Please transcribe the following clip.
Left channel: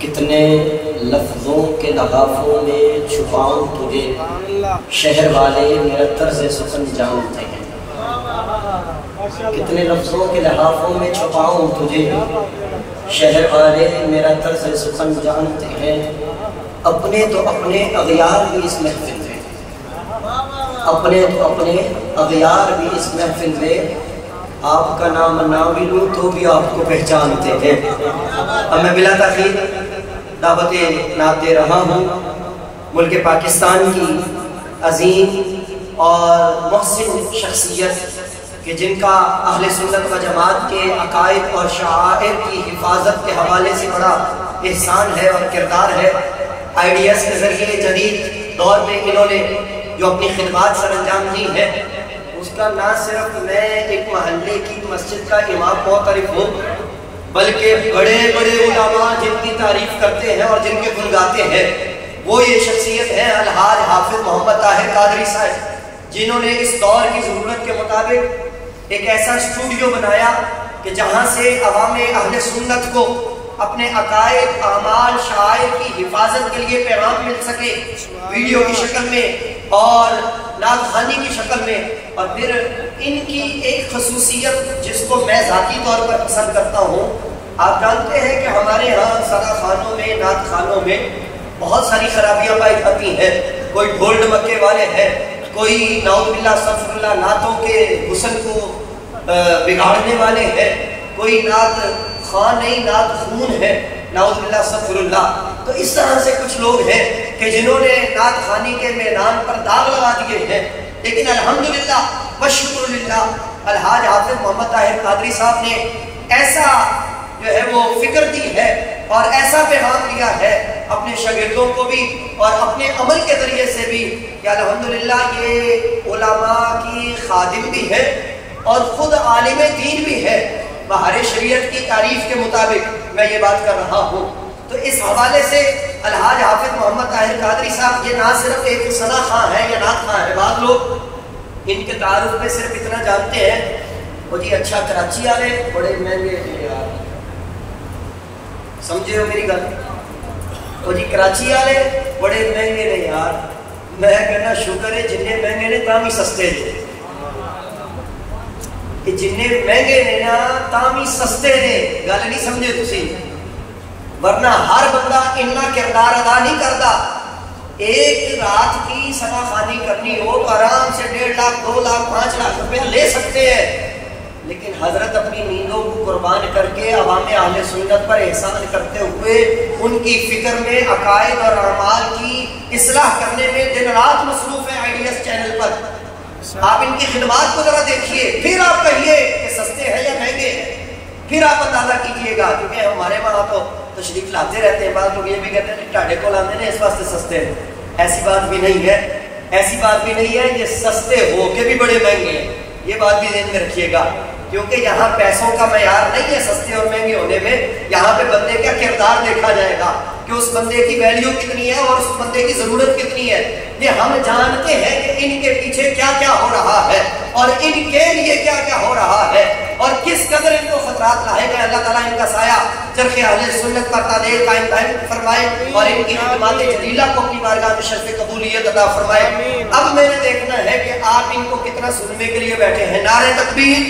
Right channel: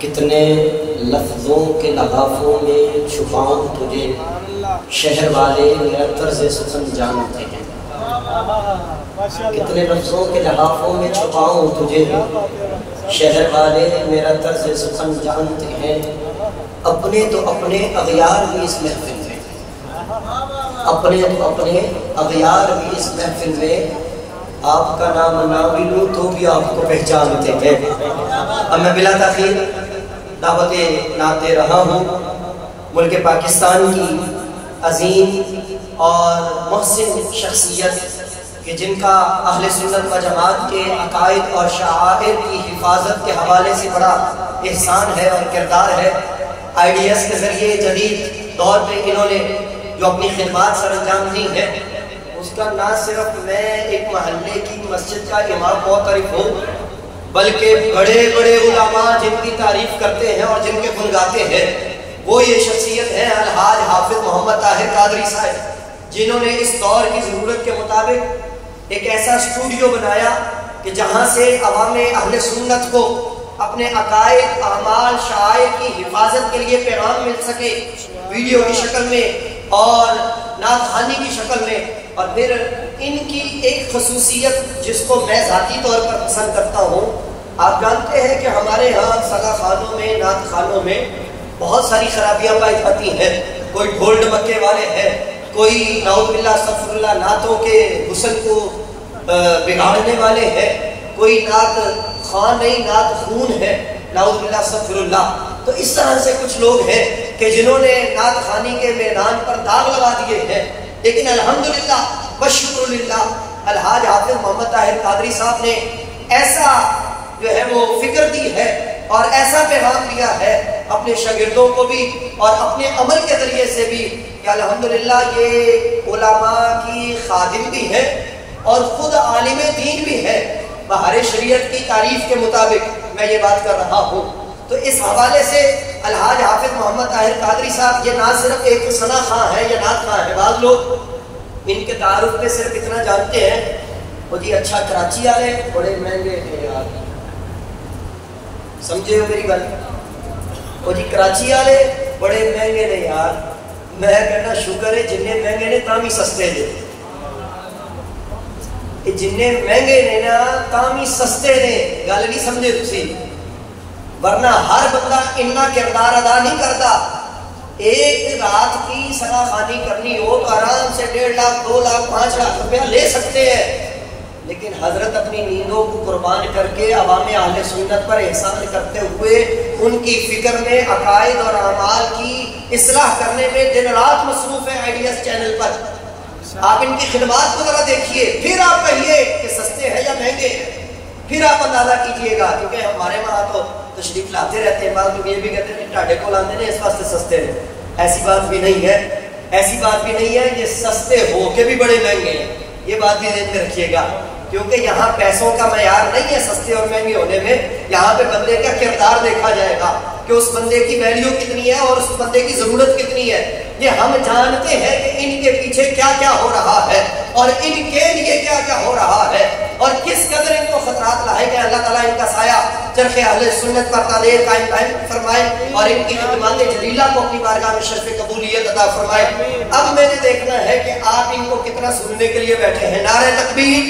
कितने लफ्ज़ों के लहाफों में छुपाऊं तुझे, शहर वाले मेरा तर्ज़ सुखन जानते हैं। कितने लफ्ज़ों के लहाफों में छुपाऊं तुझे, शहर वाले मेरा तर्ज़ सुखन जानते हैं। अपने तो अपने अग़यार भी इस महफिल में, अपने तो अपने अग़यार भी इस महफिल में, आपका नाम ना मिलूं तो भी आपको पहचानते हैं। अब मैं बिला तखीर दावत नात दे रहा हूँ मुल्क पाकिस्तान की अजीम और मुहसिन शख्सियत कि जिनका अहले सुन्नत व जमात के अकायद और शआइर की हिफाजत के हवाले से बड़ा एहसान है और किरदार है। IDS के जरिए जदीद दौर में इन्होंने जो अपनी खिदमत सर अंजाम दी है, उसका ना सिर्फ मैं एक महल्ले की मस्जिद का इमाम मोतरिफ हूँ, बल्कि बड़े बड़े उलमा जिनकी तारीफ करते हैं और जिनके गुण गाते हैं, वो ये शख्सियत है अलहाज हाफिज मोहम्मद ताहिर कादरी साहब, जिन्होंने इस दौर की ज़रूरत के मुताबिक एक ऐसा स्टूडियो बनाया कि जहाँ से अवाम अहले सुन्नत को अपने अकायद आमाल शायर की हिफाजत के लिए पैगाम मिल सके, वीडियो की शक्ल में और नात-ख़वानी की शक्ल में। और फिर इनकी एक खसूसियत जिसको मैं ज़ाती तौर पर पसंद करता हूँ, आप जानते हैं कि हमारे यहाँ सदा खानों में, नात खानों में बहुत सारी खराबियाँ पाई जाती हैं। कोई ढोल ढमक्के वाले हैं, कोई नाउज़ुबिल्लाह अस्तग़फिरुल्लाह नातों के हुस्न को बिगाड़ने वाले हैं, कोई नात खान नहीं नात खून है, नाउज़ुबिल्लाह अस्तग़फिरुल्लाह। तो इस तरह से कुछ लोग हैं कि जिन्होंने नात खानी के मैदान पर दाग लगा दिए हैं। लेकिन अल्हम्दुलिल्लाह व शुक्रुलिल्लाह अलहाज हाफिज मोहम्मद ताहिर कादरी साहब ने ऐसा जो है वो फिक्र दी है और ऐसा पैगाम दिया है अपने शागिर्दों को भी और अपने अमल के जरिए से भी कि अल्हम्दुलिल्लाह ये उलमा की खादिम भी है और खुद आलिम दीन भी है। बहारे शरीयत की तारीफ के मुताबिक मैं ये बात कर रहा हूँ। तो इस हवाले से अलहाज हाफिज मोहम्मद ताहिर कादरी साहब ये ना सिर्फ एक सना खां है या नात खां है, बाद लोग इनके तारुफ पे सिर्फ इतना जानते हैं वो जी अच्छा कराची वाले बड़े महंगे थे यार, समझे हो मेरी गल, वो जी कराची वाले बड़े महंगे ने यार। मैं कहना शुक्र है जिन्ने महंगे ने तां भी सस्ते ने, जिन्ने महंगे ने ना तां भी सस्ते ने। गल नहीं समझे तुसी, वरना हर बंदा इन्ना किरदार अदा नहीं करता। एक रात की सना खानी करनी हो तो आराम से 1.5 लाख 2 लाख 5 लाख रुपया ले सकते हैं, लेकिन हजरत अपनी नींदों को कुर्बान करके अवाम अहले सुन्नत पर एहसान करते हुए उनकी फिक्र में अकायद और अमाल की इस्लाह करने में दिन रात मसरूफ है। IDS चैनल पर आप इनकी खिदमत को जरा देखिए, फिर आप कहिए कि सस्ते हैं या महंगे हैं, फिर आप अंदाजा कीजिएगा। क्योंकि हमारे वहां तो तशरीफ लाते रहते हैं, बाद लोग ये भी कहते हैं टाढ़े को लाते हैं इस वास्ते सस्ते हैं। ऐसी बात भी नहीं है, ऐसी बात भी नहीं है। ये सस्ते होके भी बड़े महंगे हैं, ये बात भी ध्यान में रखिएगा। क्योंकि यहाँ पैसों का मयार नहीं है सस्ते और महंगे होने में, यहाँ पे बंदे का किरदार देखा जाएगा कि उस बंदे की वैल्यू कितनी है और उस बंदे की जरूरत कितनी है। ये हम जानते हैं कि इनके पीछे क्या क्या हो रहा है और इनके लिए क्या क्या हो रहा है और किस कदर इनको खतरात लाएगा। अल्लाह ताला इनका साया चरखे अहले सुन्नत पर तादेर कायम फरमाए और इनकी खिदमत जलीला को अपनी बारगाह में शर्फ कबूलियत अता फरमाए। अब मैंने देखना है कि आप इनको कितना सुनने के लिए बैठे हैं। नारे तकबीर।